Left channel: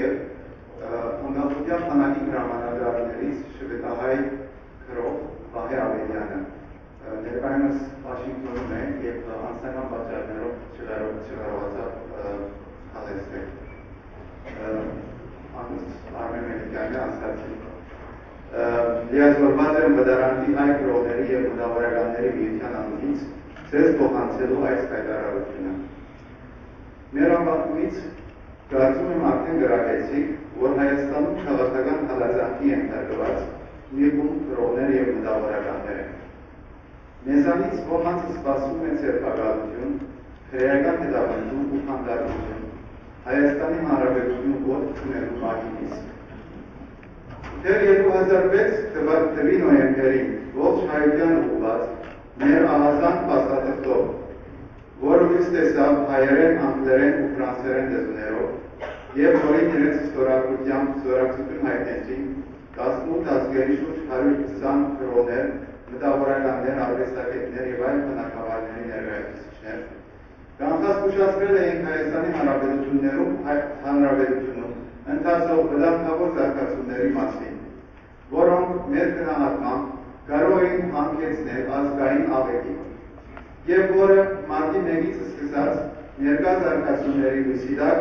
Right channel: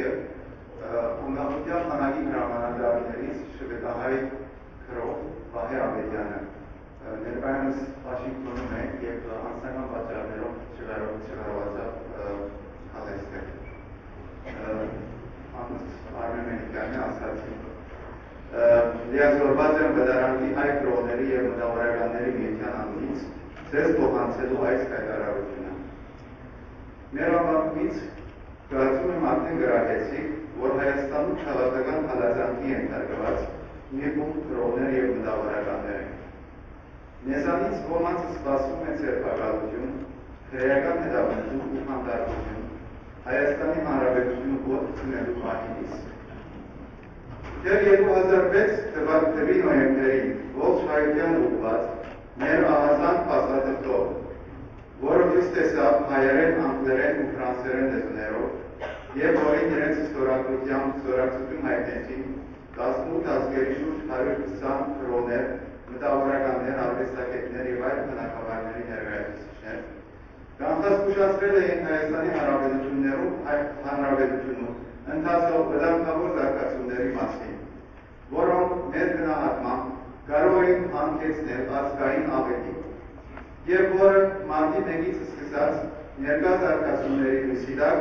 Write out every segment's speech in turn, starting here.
եւ անկախության բանակի հրամանատարներից շվեդահայ քրով Վահե Ավետյանը ներկայումս Վաշինգտոնում է եւ անձնական պատճառներով չկարողացավ հաղթել։ Արմեն Մելիքյանը ասացի լիազորված եմ վտարանքի հայ քրոների եւ մտավորականների միության անունից ձեզ փոխանցելու այս հայտարարությունը։ Մեր ապատումից կարծում եմ արդեն գրակեցիք, որ Հայաստանում քաղաքական հալածանքի ենթարկված մի խումբ քրոներ եւ մտավորականներ են։ Մեզանից ոմանց սպասում է ձերբակալություն, քրեական հետապնդում ու խանդարություն, Հայաստանի Հանրապետությունը ոտք քնելու մահից։ Դեռ 2006 թվականի նոյեմբերին ողջ հայության ուղղված մեր ահազանգ փաստաթղթով, որը ցույց տեսավ հայերեն, անգլերեն ու ֆրանսերեն լեզուներով եւ որին իրենց ստորագրություն հայտնեցին 18 ազգերի շուրջ 120 քրոներ, մտավորականներ, արվեստագետներ եւ այլ բնակավարների ներկայացուցիչներ, կանխազգուշացրել էին Հայաստանի Հանրապետությունում ընթացող վտանգավոր զարգացումների մասին, որոնք մեր գնահատմամբ կարող էին հանգեցնել ազգային աղետի եւ որը մարտի 1-ից սկսած ներկա զարգացումների լույսի տակ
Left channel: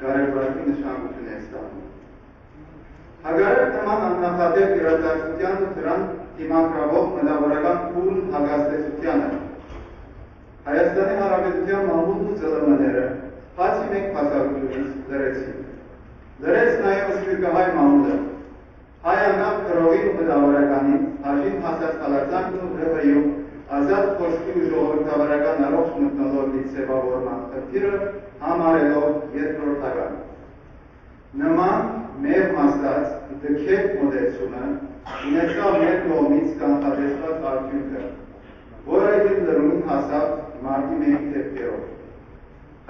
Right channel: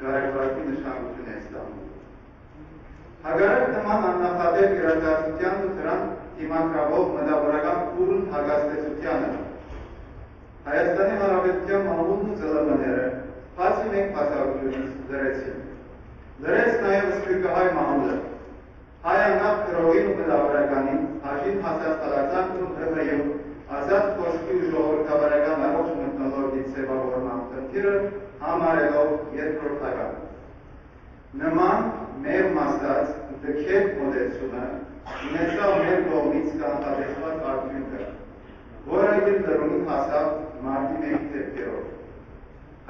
կարևորագույն նշանակություն է ստանում։ Հակառակ նման աննախադեպ իրադարձության ու դրան դիմադրող մտավորական փուլն հագաստեցությանը Հայաստանի Հանրապետության մամուլն ու ԶԼՄ-ները բացի մեկ փաստարկությունից լրեցին։ Լրեց նաև սփյուռքահայ մամուլը, հայ անգամ քրովին ու մտավորականին, հաշիվ հասած հալածանքն ու ՀՀ-ում ազատ խոսքի ու ժողովրդավարական առողջ մթնոլորտի ձևավորման խնդիրը համարելով երկրորդական։ Նման մեր մասած դքետ մոտեցումը ունեցավ մեր կողմից կանխատեսված արդյունքը, որը իր լրումին հասավ մարտի 1-ի դեպքերով։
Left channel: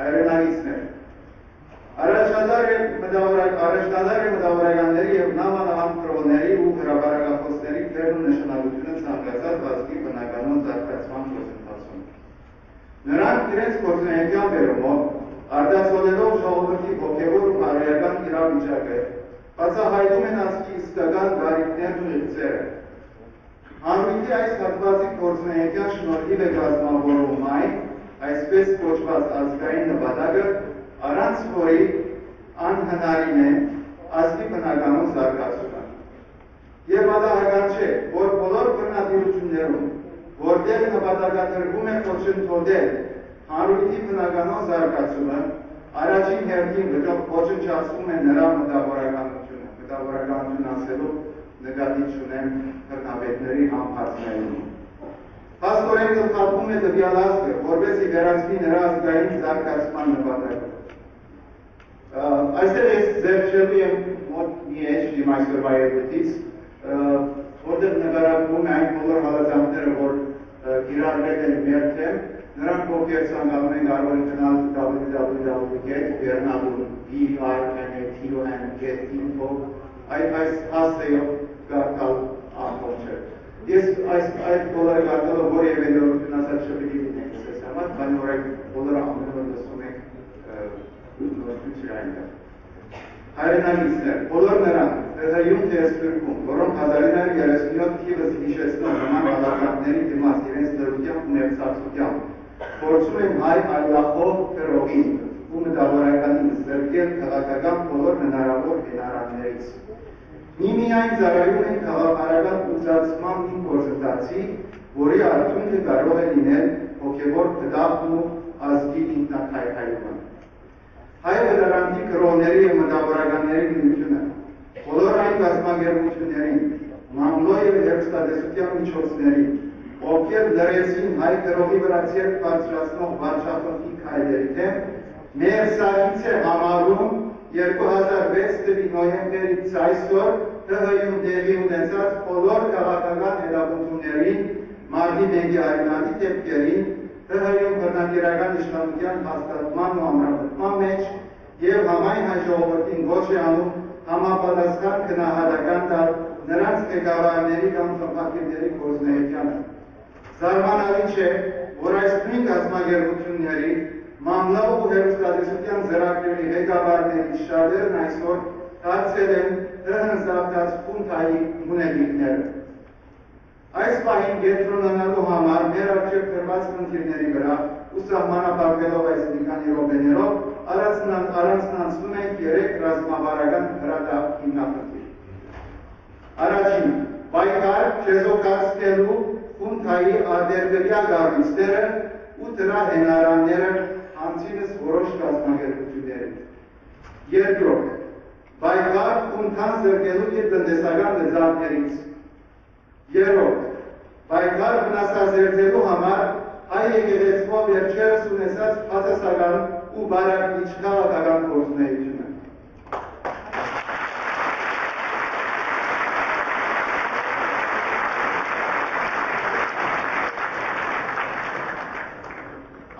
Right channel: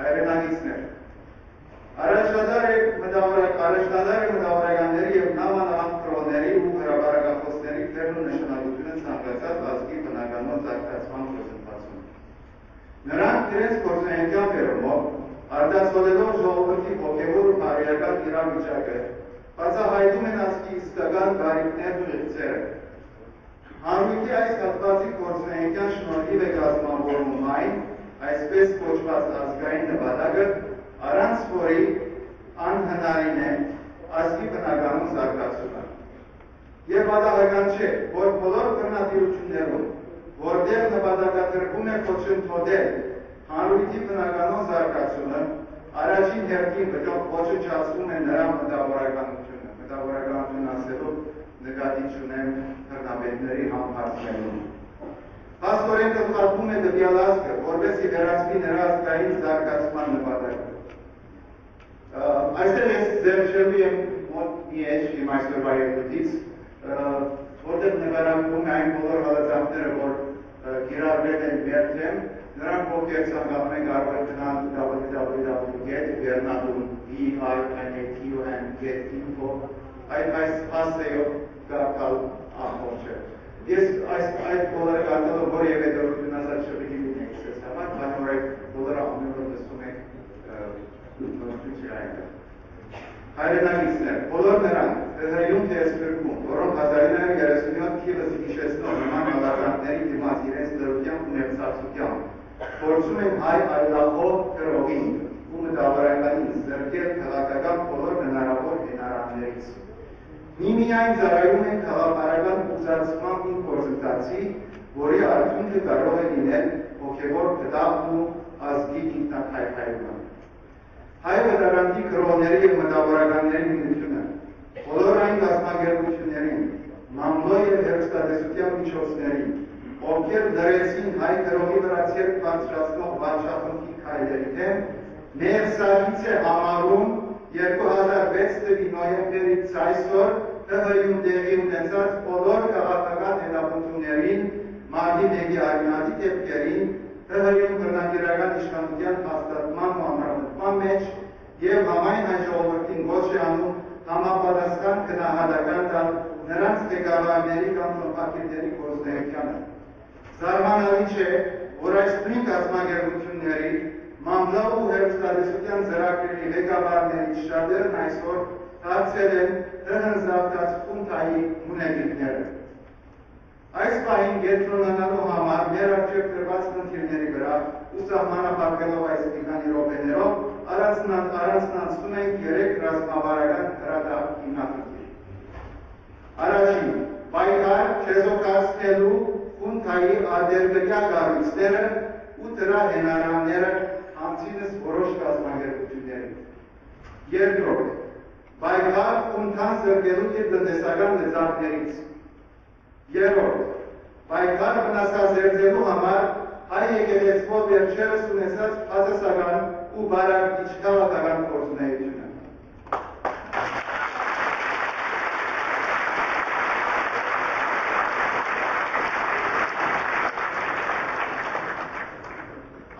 Հայրենագիցներ, առաջադար է մտավորականների եւ նամանավան քրոների ու հրապարակախոսների դերն ու նշանակությունը ցանկացած ազգի բնականոն զարգացման գործընթացում։ Նրանք իրենց գործունեության բերումով արտացոլելով ժողովրդի հոգեվոր ու բարոյական իրավիճակը, բացահայտում են ազգի իսկական բարիքներն ու իղձերը։ Հանրույթի այս հատվածի գործունեության շնորհիվ է կազմավորվում այն, այսպես կոչված ազգային նպատակը, առանց որի անհնարին է ազգի բնականոն զարգացումը։ Եվ պատահական չէ, որ բոլոր բռնատիրություններում, որտեղ նպատակադրվում է ոչնչացնել հանրույթի բնականոն զարգացումը, առաջին հերթին ոչնչացվում է նրա մտավորականությունը։ Մտավորականություն ասելով նկատի չունեմ բռնապետների համբարձվելուն։ Փաստորեն գլխատվում է տվյալ ազգը, որպեսզի վերացվի նրա ազգային զարգացման նպատակը։ Այստեղ ես ձեռքշելու եմ մոտ մի էջ իմ այսօրվա ելույթից, որտեղ նկարագրվում է այն բոլոր հալածանքները, որ կիրառվել են մեր թեմ, նրանք ովքեր ցանկանում են կարող են գնալ www.bernadun.info այս հասցեով կարդալ ամբողջը։ Ես այդ բոլորը կարդալով որևէ նորություն ասած չպիտի լինենք ես համար, քանի որ այդ բոլորը ամեն օր լսում եք նորություն չի այնտեղ։ Հայրենագիցներ, բոլոր նրանք, ՀՀ-ում թե սփյուռքում, որոնք 1937 թիվս հիշեցնող նման հալածանքների դիմաց իրենց լրությամբ ու մեղսացությամբ փորձում են հայ այլախոհ քրովին ու մտավորականին զրկել քաղաքական բոլոր հնարավոր հենարաններից։ Միմիայն ծառայում են քաղաքական ուղղացման մի գործընթացի, որի արդյունքը կարող է լինել հոգևոր փդախն ու ազգի ինքնակայքայումը։ Հայ վտարանքի քրոների եւ մտավորականների միությունը, բոլոր այն կազմակերպություններին, մամլո եւ հեռուստատեսության միջոցներին, ովքեր լրեցին հայ քրոի վրա ցերկ բարձրացնող վարչախմբի քայլերի դեմ, ներսագից է համարում 2006 թվականի նոյեմբերից այսօր ՀՀ-ում տեղի ունեցած բոլոր քաղաքական հետապնդումներին, մարտի 1-ի արյունատի դեպքերին, ՀՀ-ում բռնակիրական իշխանության հաստատման ու ամրապնդման մեջ եւ համայն հայ ժողովրդին ոչ է անում համապատասխան գնահատական տալ նրանց ղեկավարների կամ խմբակիրների գործունեությանը։ Զարմանալի չէ, որ այս նույն կազմակերպությունների մամլո ու հերոստատեսության ծրագրերի ղեկավարներից շատերն այսօր դարձել են հնձավտած խունթայի մունետիկները։ Այս պահին կենտրոնանալու համար մեր առջև դրված խնդիրների վրա ու սահմանափակվելով այս մի քանի րոպեներով առանձնացնում ենք 3 ռազմավարական հրադապ հիմնախնդիր։ Առաջին, պայքար չեզոքացնելու խունթայի արտերկրյա կառույցները ու դրա հենարանները համցինս որոշ կազմակերպությունների։ Երկրորդ, պայքար խունթան զրկելու իր տնտեսական լծակներից։ Երրորդ, պայքար վնասազերծելու համար հայ եկեղեցու վերջերս ունեցած բացասական ու բարակիչ քաղաքական գործունեությունը։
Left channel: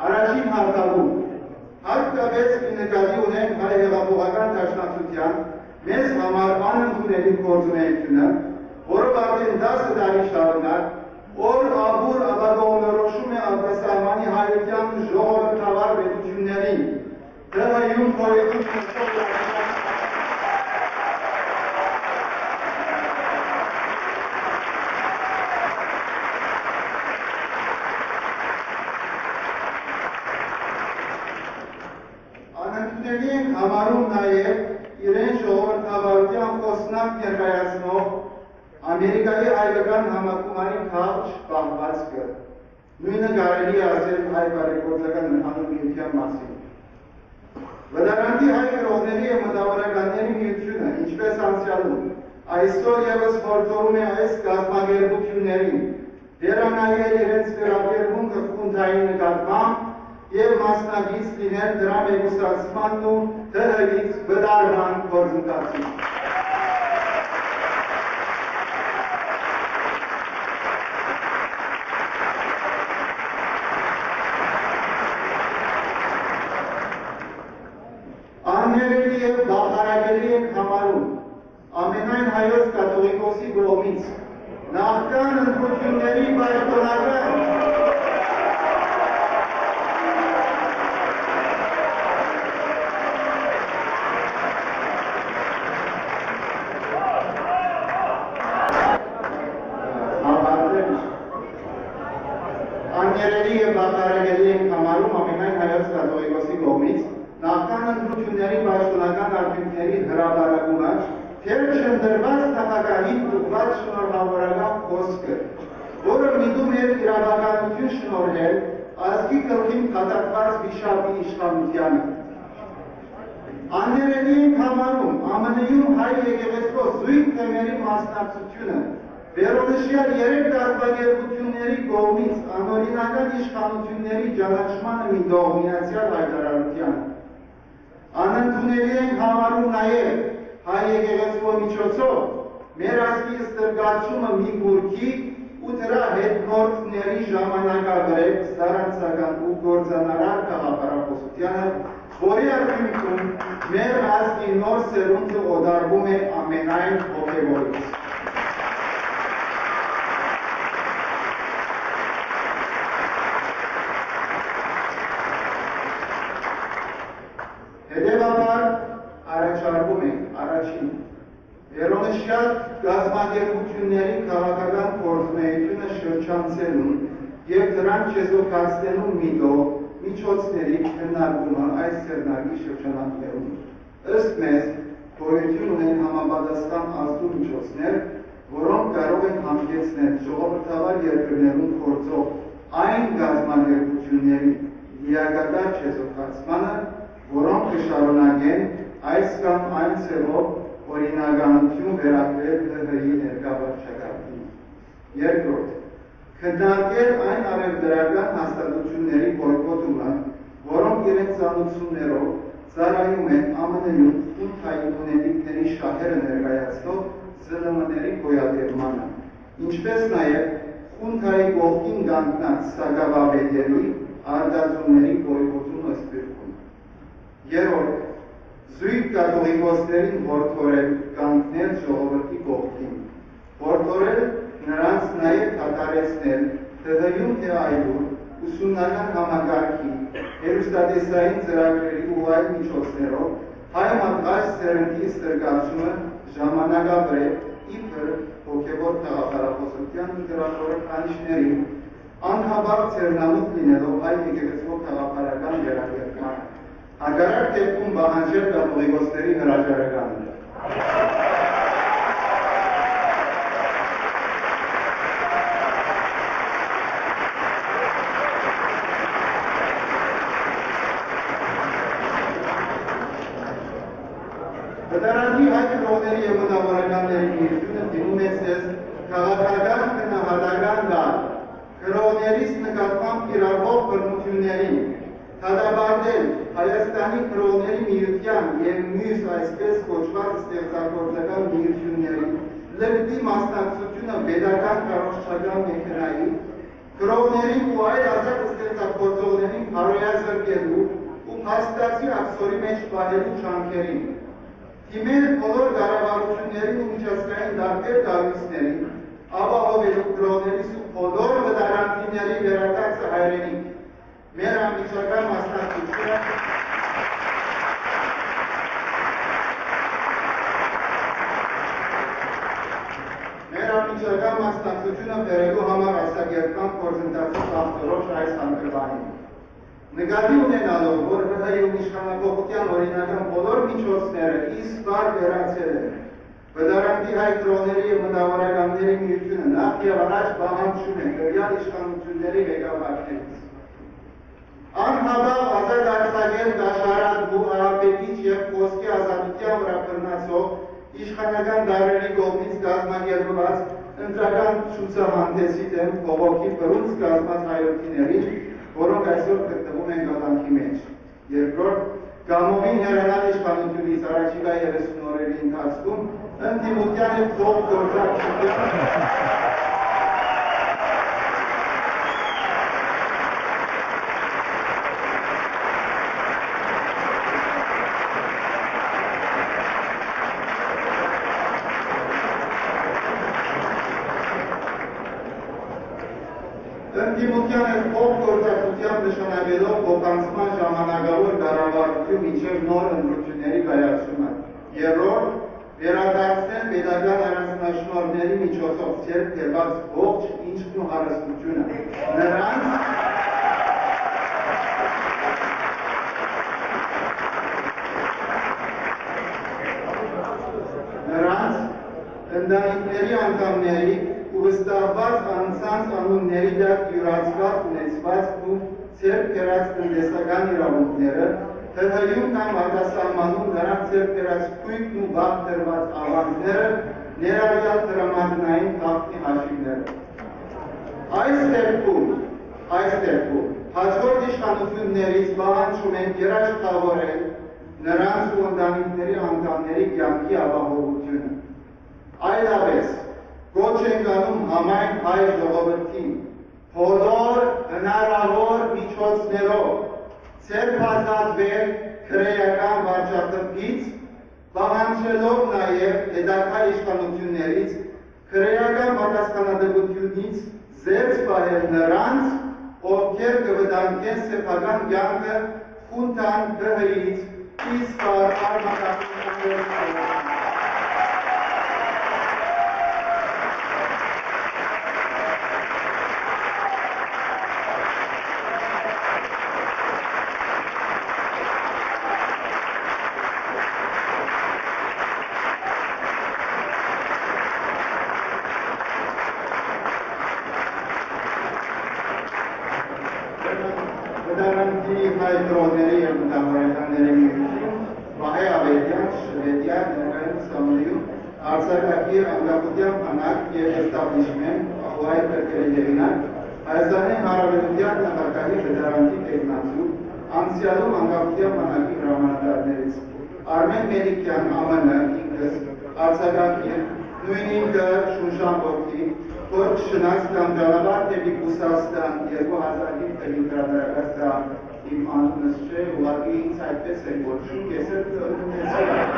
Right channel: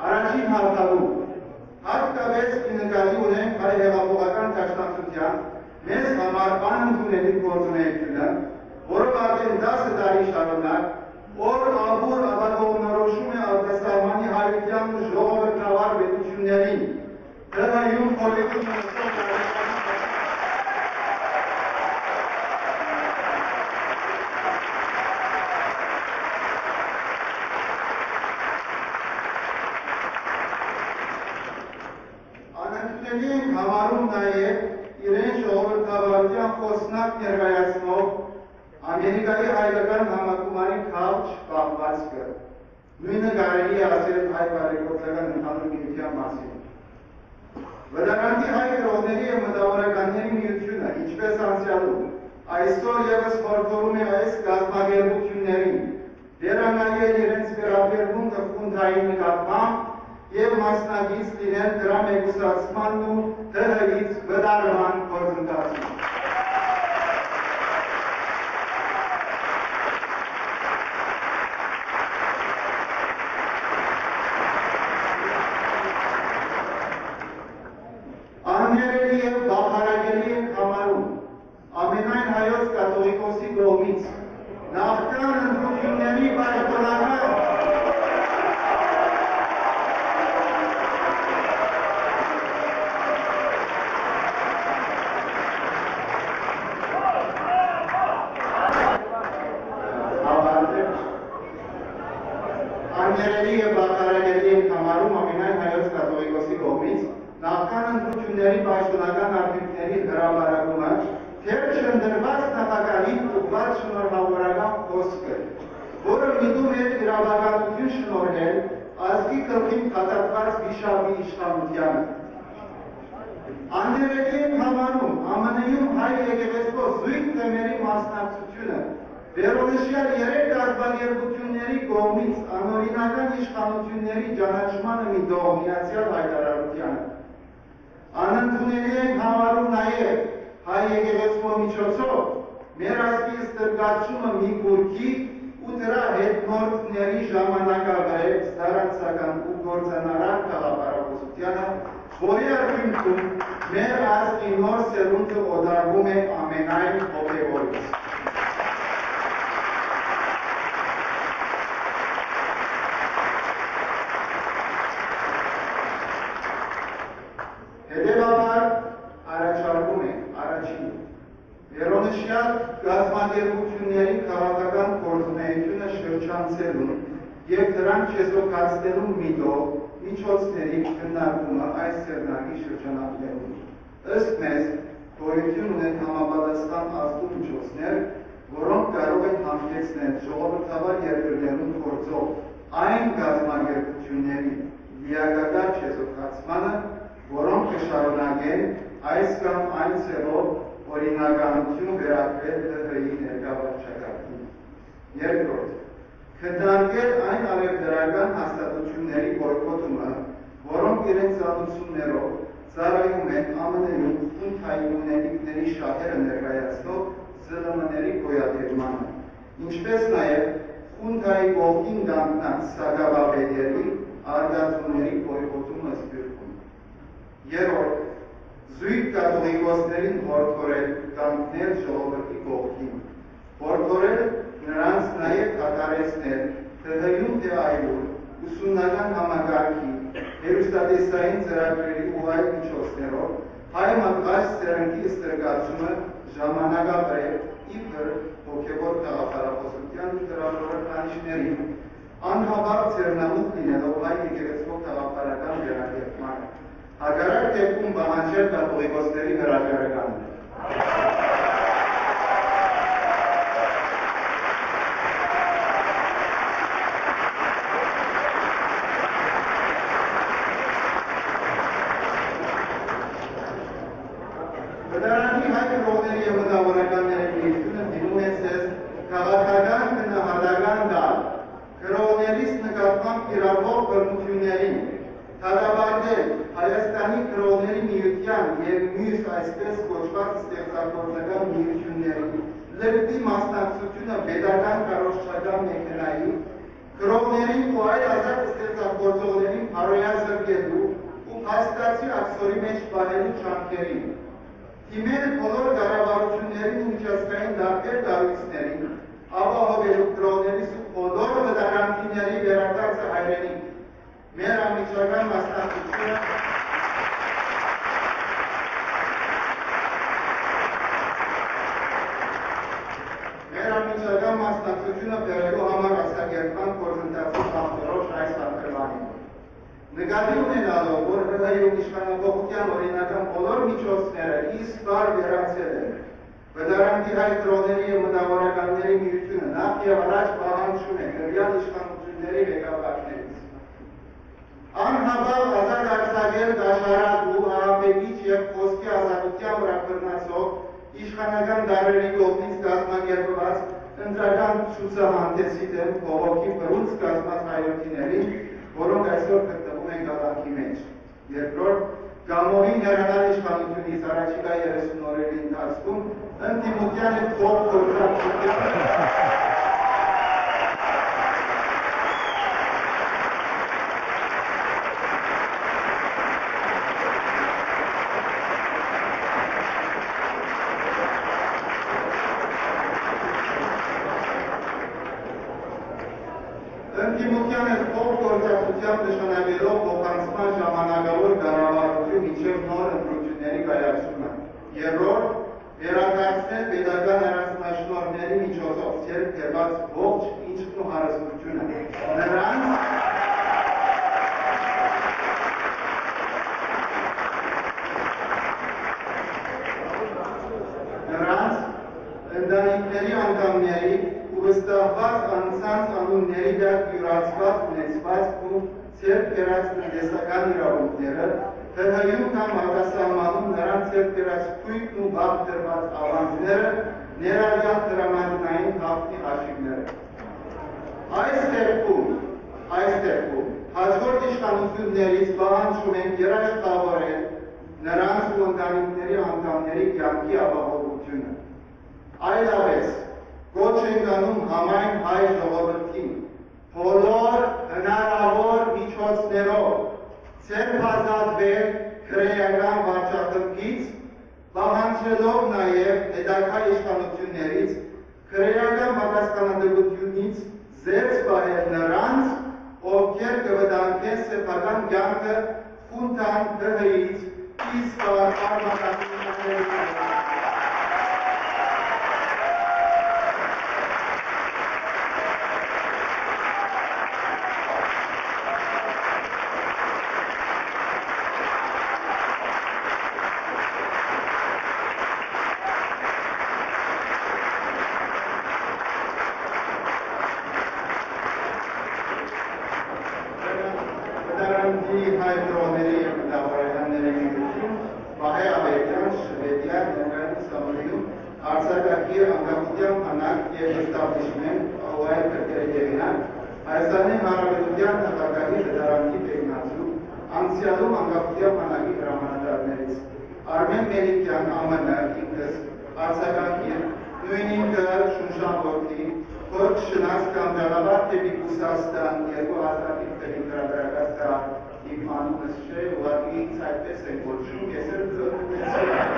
Առաջին հաղթալու, հատկապես նկատի ունենք հայ հեղափոխական դաշնակցության մեզ համար անընդունելի գործունեությունը, որով արդեն 10 տարի շարունակ օր ամուր ապագողնորոշում է արտասահմանի հայության ժողովրդավար պետություններին, դրայում խորհրդում անընդունելի ենք համարում նաև իրեն ժողովրդավարության խոսնակ ներկայացնող Ամերիկայի հայկական համակումարի քաջ պահվածքը, նույնը կարելի է ասել հայ բարեգործական ընդհանուր միության մասին։ Վտարանդի հայ գրողների և մտավորականների միությունը, ինչպես անցյալում, այսօր ևս հորդորում է այս կազմակերպություններին վերանայել իրենց վերաբերմունքը խունթայի նկատմամբ և մասնակից լինել դրա մեկուսացմանն ու ՀՀ-ից վտարման գործընթացին։ Աններելի և բավարարելի ենք համարում ամենայն հայոց կաթողիկոսի կողմից նախքան ընտրությունների պաշտոնական Աններելի և բավարարելի ենք համարում ամենայն հայոց կաթողիկոսի կողմից նախքան ընտրությունների պաշտոնական արդյունքների հրապարակումը թեր չընդրված նախագահին ուղղված շնորհավորական խոսքը, որը միտում էր իրավականություն շնորհել ազգի գլխին փաթաթված վիշապի իշխանությանը։ Աններելի ենք համարում ԱՄՆ-ում հայ եկեղեցու զույգ թեմերի մասնակցությունը վերոնշյալ 3 կազմակերպությունների կողմից անօրինական իշխանությունների ճանաչմանը մի դողմիացյալ հայտարարությանը։ Անընդունելի ենք համարում նաև հայ եկեղեցու միջոցով մեր ազգի ստրկացումը մի գուրքի ու դրա հետնորդների ժամանակավրեպ ստարանցական ու գործանարար գաղափարախոսությանը, որի արդյունքում մեր ազգի նոր սերունդը օդարվում է ամենայն հոգևորից։ Հետևաբար առաջարկում ենք առաջին վերոնշյալ կազմակերպությունների քաղաքական գործունեությունը շրջանցելուն և դրանք չեզոքացնելու միտով միջոցների քննարկումը այս սերնարգի շրջանակներում։ Ըստ մեզ գոյություն ունեն համապատասխան ազդու միջոցներ, որոնք կարող են հանգեցնել ժողովրդավար երկրներում գործող այն կազմակերպությունների լիակատար չեզոքացմանը, որոնք կշարունակեն այս կամ այն ցեղով օրինականություն վերագրել ՀՀ-ի ներկա վարչակարգին։ Երկրորդ, քննարկել այն արևդրական հաստատությունների բոյկոտումը, որոնք իրենց ծանոթություններով ծառայում են ԱՄՆ-ում խունթայի ունենիքների շահերը ներկայացնող ԶԼՄ-ների գոյատևմանը, ինչպես նաև խունթայի կողքին կանգնած սակավաբեդերի արտադրումների բոյկոտումը Սփյուռքում։ Երրորդ, զույգ կաթողիկոսներին հորդորել կանգնել ժողովրդի կողքին, հորդորել նրանց նաև դադարեցնել ՀՀ-ում թե այլուր ուսումնական համագարքի, հեռուստատեսային ծրագրերի ու այլ միջոցներով հայ մատղաշ սերնդի ստրգացումը ժամանակաբրև իբր հոգևոր քաղաքարախոսության դրախորը քանիշներին անհավատ ծերնամուտ լինելով հայ եկեղեցու քաղաքարական վերակերպմանը, հակառակ դեպքում պահանջել կաթողիկոսների հրաժարականն է։ Վտարանքի հայ կրողների և մտավորականների միությունը դիմում է ձեզ քաղաքական գնահատական տալ, կրողներից նկատմամբ կիրառվող բռնություններին, դատապարտել Հայաստանի կրողների միության և մյուս այսպես կոչված ստեղծագործական միությունների լկտի մասնակցությունը պետական կառուցչական մեքենայի, կրողներին ու այլ ազատ ստեղծագործողներին հարոյազրկելու ու փաստացի աքսորի մեջ պահելու ջանքերին, դիմել բոլոր կառավարություններին ու միջազգային տարբեր կառույցներին, ապահովելու կրողներիս ու բոլոր վտարանքիների վերադարձը հայրենիք, մեր անմիջական մասնակցությունը բերելու համար աշակերտման գործընթացի կողմնորոշ այս հանգրվանին։ Նկատի ունենալով, որ ՀՀ-ում իշխանապողության օրինական բոլոր միջոցները իսկար վերացել են, վտարանքի հայ կրողների և մտավորականների միությունը նախ և առաջ պահանջում է տվյալ իշխանությունների ղեկավարներից անհավատ ազատ արձակել կաշառատու, ահաբեկիչ և խոսքի ազատության վրա բռնացող իշխանական դարերի կողմից կազմակերպված ընտրական ցուցահանդեսի դեմ բողոքի բռունցք կազմած հայրենիներին, որոնք այսօր գտնվում են կալանքի մեջ։ Երկրորդ, Գամովին հեռանալ իշխանությունից առաջիկա 30 օրերի ընթացքում ընդդիմության և փոխգործակցությամբ նշանակելով փոխանցման ժամանակավոր կառավարություն մինչև նոր ընտրությունների կայացումը։ Երրորդ, վերադարձնել պետական առանձնաշնորհների միջոցով ձեռք բերված ողջ ինքն ու հարստությունը նրանց ընտանիքների անդամների ու վստահված անձանց անունների դակ յուրացված ունեցվածքն ու ձեռք բերած տնտեսական իրավունքները, ՀՀ-ում կամ արտասահմանում նրանց ձեռք բերած քույքն ու վաղ դրված ավանդները, ներառյալ տրամադրային խախտի հաշիվները։ Այս դեպքում հաջորդ իշխանություններից պահանջում են երաշխավորել նրանց ու ընտանիքների անդամների կյանքի ապահովությունը։ Այլապես կոչ ենք անում համայն հայ ժողովրդին բոլոր հնարավոր միջոցներով ձեռքազատվել քրեական վարչախմբից, պահանջելով նաև հետագա իշխանություններից քրեական պատասխանատվությունից զերծ պահել նրանց, ովքեր կվտանգեն սեփական կյանքը խունտան ՀՀ-ից իսկար արմատավորությունների։ Հայ կրողների և մտավորականների միություն, Վահե Ավետյան, Շվեդիա, ներկայումս ԱՄՆ-ում արձակագիր, անկախության բանակ և էստաբլիշմենտ ու այլ քրքերի հեղինակ, Հայաստանի Հանրապետության նախագահի վտարանքի տեխնացու, անցյալում անկախության բանակի հրամանատարներից, Արմեն Մելիքյան, ԱՄՆ, ինքս, արձակագիր, նույն ինքը Շուշան որդի, որ շնաց կամ գալաբար թեպի Կուսաստան 2005 թվին հրատարակած դա իմ անունս չէ, ուղղակի ինձ այդպես են կոչում, ես էլ ունեցել եմ։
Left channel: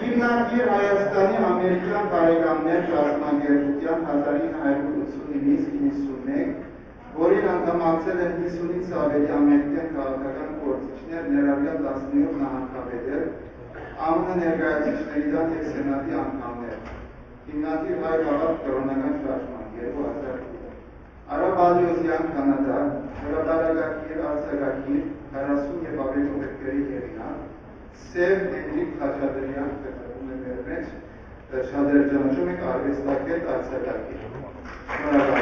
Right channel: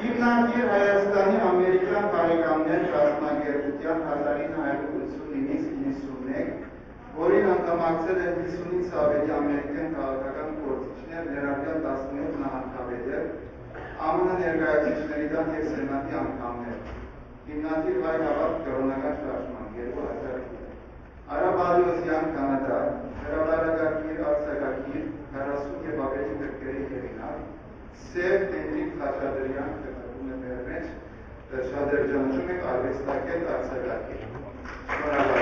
Հիմնադիր 1989-ից 91, որին անդամակցել են 50-ից ավելի ամերիկյան քաղաքական գործիչներ, ներառյալ 17 նահանգապետեր, ԱՄՆ ներկայացուցիչների տան և սենատի անդամներ, հիմնադիր հայ հավատ կրոնական շարժման 2008, Արա Բալիոսյան Կանադա, հրապարակագիր, արձակագիր, 40 և ավելի գրքերի հեղինակ, Սև Հենրիկ Խաչատրյան, խեղդվում է մեր մեջ, շատ էր ճանաչում եք արվեստագետ արձակագիր։